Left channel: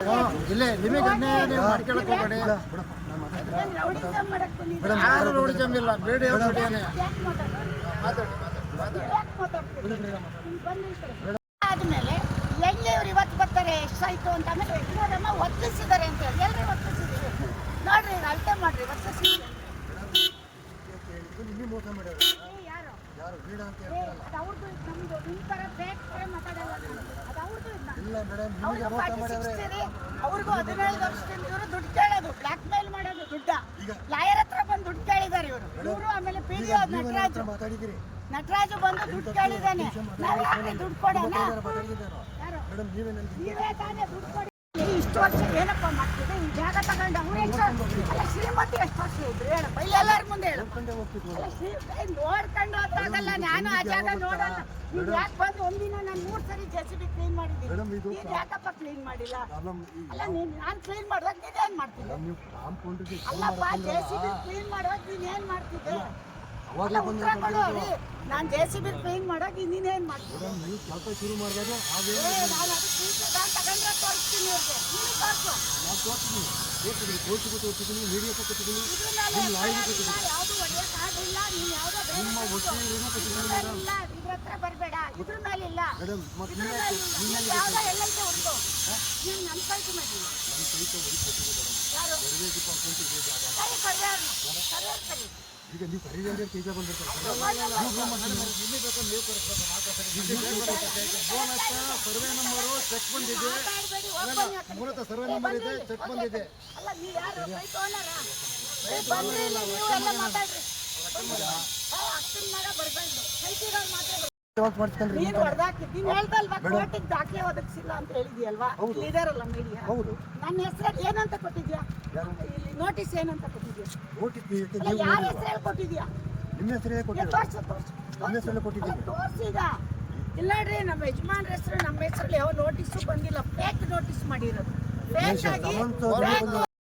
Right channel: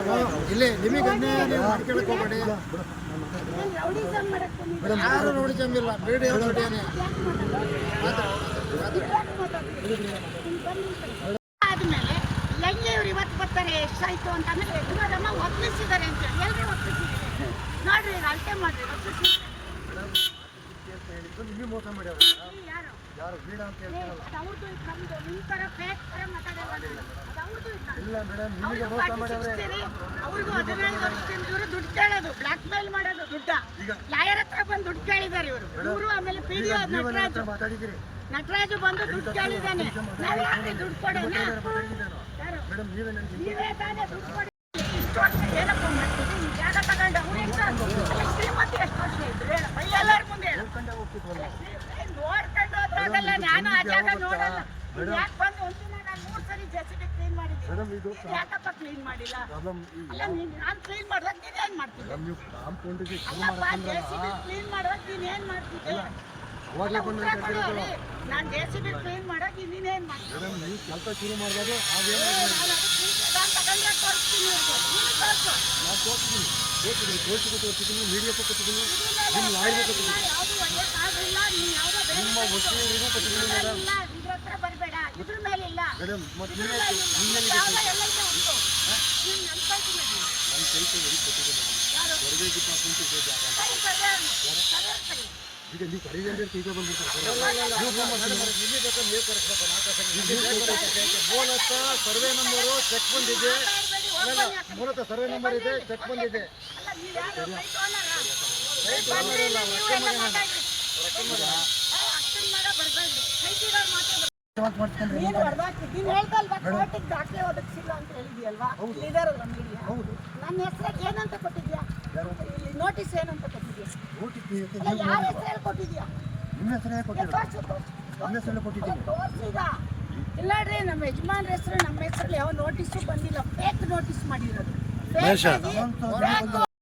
ಇಲ್ಲೇ ನಿಮಗೆ ಮಾಡ್ಕೊಳಕ್ಕೆ ಹೋಗಬೇಡಿ ಮೇಡಮ್. ರೌಡಿಸಮ್ ಇಲ್ಲ, ಬೇಡ ಆದ್ಮೇಲೆ ಎಲ್ಲಿ ಇವ್ರು ಇವತ್ತು ಬರ್ತಾರೆ ಎಷ್ಟಾಯ್ತು ಅಂತ ಆಮೇಲೆ ಯಜಮಾನಮ್ಮ ಒಪ್ಪಿಸಿದ್ದಾರೆ ಅಂತ ಹೇಳಿ ಎಲ್ಲರೂ ಒಪ್ಪಿಸಿದ್ದೀವಿ ನೋಡ್ರಿ ಅಳತೆ ಮಾಡ್ರಿ ಒಪ್ಪಿಸಿ ಹೇಳಿದ್ದು ನಿಮಗೆ ಮೋಸ ಮಾಡ್ಯಾರ. ಯಾರು ಯಾರು ಬೇಡ ಅಂತ ಹೇಳ್ತಾರಲ್ಲ, ಅದು ಅವ್ರದ್ದು ಇದು ನಮ್ದು ನಿಮ್ಮ ಥರ ಫೇಕ್ ಥರ ಮಾತಾಡಲ್ಲ ಅದು ಅವ್ರದ್ದು ಇದು ಇಲ್ಲ ಮೇಡಮ್, ನಿಮಗೆ ಮೋಸ ಮಾಡ್ಯಾವ್ರೆ. ಅವ್ರಿಗೂ 15 ವರ್ಷದಿಂದ ಇವರು ದುಡ್ಡು ಕೇಳೋದು, ಬ್ಲಾಕ್ ಮೇಲ್ ಮಾಡೋದು ದುಡ್ಡ. ಲಾಯರ್ ಹತ್ರ ಬಂದು ದುಡ್ಡು ಕೇಳಿದ್ದಾರೆ ಇವರು. ಆಮೇಲೆ ಪಿಡಿಒ ನಟರಾಜು ಬಂದು ದುಡ್ಡು ಕೇಳಿದ್ದಾನೆ. ನಾವು ಯಾಕೆ ದುಡ್ಡು ಕೊಡೋಣ? ಮೇಡಮ್ ನೀವೇ ನನಗೆ ನೀವೇ ತಾನೇ ದುಡ್ಡು ಕೊಡಿ. ಇಷ್ಟು ವರ್ಷ ಏನಪ್ಪ ಮಾಡ್ತಿದೆ? ಈ ಜಾಗ ತಗೊಂಡು ಅವ್ರು ಶ್ರೀಮತಿ ಎಷ್ಟು ವರ್ಷ ಇದ್ರು ಹೇಳಪ್ಪ, ಎಲ್ಲರ ಮುಂದೆ ನೋಡ್ಕೊಂಡೇ ಹೋಗ್ತಿದ್ವಲ್ಲ. ನೋಡ್ಕೊಂಡು ಹೋದ್ರಾಗಲ್ಲ. ನಾನು ಆ ಜಾಗ ನೋಡಲ್ಲ. ಯಾಕೆ ಬಂದು ಒಂದಿನ ನಾನು 3 ಸರಿ ಜೆಸಿಬಿ ಕ್ಲೀನ್ ಮಾಡಿದ್ದೀನಿ. ಮೇಡಮ್ ಇದು ಯಾಕಪ್ಪ ಕ್ಲೀನ್ ಮಾಡಿಲ್ಲ? ಪ್ರಾಬ್ಲಮ್. ಅಲ್ಲ ನಾನು ಕ್ಲೀನ್ ಮಾಡುವಾಗ ನೀನೇನ್ ಮಾಡ್ತಿದ್ದೆ? ನೀವು ಕಾಂಪೌಂಡಿಗೆ ಅಲ್ಲಪ್ಪ ಜೆಸಿಬಿ ಕ್ಲೀನ್ ಮಾಡುವಾಗ ನೀನೇನ್ ಮಾಡ್ತಿದ್ದೆ? ಅವಾಗಲೇ ಬಂದು ನಾನು ಜೆಸಿಬಿ ಕ್ಲೀನ್ ಮಾಡುವಾಗ ನೀನೇನ್ ಮಾಡ್ತಿದ್ದೆ? ಮೇಡಮ್ ನೀವು ಕೆಲಸ ಶುರು ಮಾಡಿದಾಗ ಹಾಗೇನು ತಗೊಂಡ್ರೆ ತೋರಿಸ್ತೀನಿ ಇವ್ರಿಗೆ. ನೀನು ತೋರಿಸು. ನಾನು ತೋರಿಸಿದ್ದೀನಿ, ಕೋರ್ಟಿಗೂ ತೋರಿಸಿದ್ದೀನಿ, ಮೀಡಿಯಾಕ್ಕೂ ಕೊಟ್ಟಿದ್ದೀನಿ, ನಿಮ್ಮ ಲಾಯರ್ಗೂ ಕೊಟ್ಟಿದ್ದೀನಿ, ಯಾವುದು ಒಳ್ಳೆಯದಾಗಿಲ್ಲ. ನೀನು ಯಾವುದೋ ನಿಮ್ಮ ವಕೀಲರಿಗೂ ಕೊಟ್ಟಿದ್ದೀನಿ ಮೇಡಮ್. ಇದ್ರ ಹತ್ರ ಬರಬೇಡ, ಇದ್ರ ಮೇಲಿಲ್ಲ. ಮೇಡಮ್ ಮತ್ತೆ ನಿನ್ನೆ ಎಲ್ಲೈತೆ ಉಂಟು ನೀನು ನಮ್ಮ ಕೈಗೆ ಮಾಡಿ. ನಮ್ಮ ಕೈ ಹೊರಗೆ ಕೊಟ್ಟಿದ್ದೆ ಮೇಡಮ್. ಹೊರಗೆ ಡಿಪಾರ್ಟ್ಮೆಂಟ್ ಇದೆ ಜಾಗ. ಈಗ ನೀವು ಕರೀರಿ ಅಂದ್ರೆ ಕೈಗೆ ಬಂದ್ಬಿಡ್ತಾರೆ. ಮೂಲತಃ ಸರ್ವೆ ನಂಬರು ಚೆಕ್ ಬಂದಿದೆ. ಮೂಲತಃ ಸರ್ವೆ ನಂಬರ್ ಇದೆ, ಚೆಕ್ ಬಂದಿದೆ. ನೀನು ಹೊಡೆದಾಕಿದ್ದೀನಿ ಹೇಳ್ದಲ್ವಾ, ಕೋರ್ಟಿಗೆ ದಾಖಲೆ ಒದಗಿಸಿಲ್ಲ ಅಂತ ಹೇಳಿದ್ಯಲ್ವಾ? ಇದಾರಲ್ಲ ಮೀಡಿಯಾ, ಹೌದು. ನನ್ನ ಹೆಸರು ಏನಂತ ಕೊಟ್ಟಿದ್ಯಾ? ಇಲ್ಲಿ ನೋಟಿಸ್ ಏನಂತ ಕೊಟ್ಟಿದ್ಯಾ? ನೋಟಿಸ್ ಯಾರ ಹೆಸರು ಕೊಟ್ಟಿದ್ಯಾ? ನಿಮ್ಮ ಹೆಸರೇ ಕೊಟ್ಟಿದ್ದೀನಿ. ನನ್ನ ಹೆಸರಲ್ಲೇ ಕೊಟ್ಟಿದ್ದೀನಿ. ತೋರ್ಸಿಗ ಇಲ್ಲ ರೀ, ನಮ್ಮ ಯಜಮಾನ್ರ ಹೆಸರು ನಮ್ಮ ಹೆಸರಲ್ಲಿ ಯಾವ ನೋಟಿಸು ಬಂದಿಲ್ಲ. ಫೇಕ್ ನೋಟಿಸ್ ಮಾಡಿರೋದು.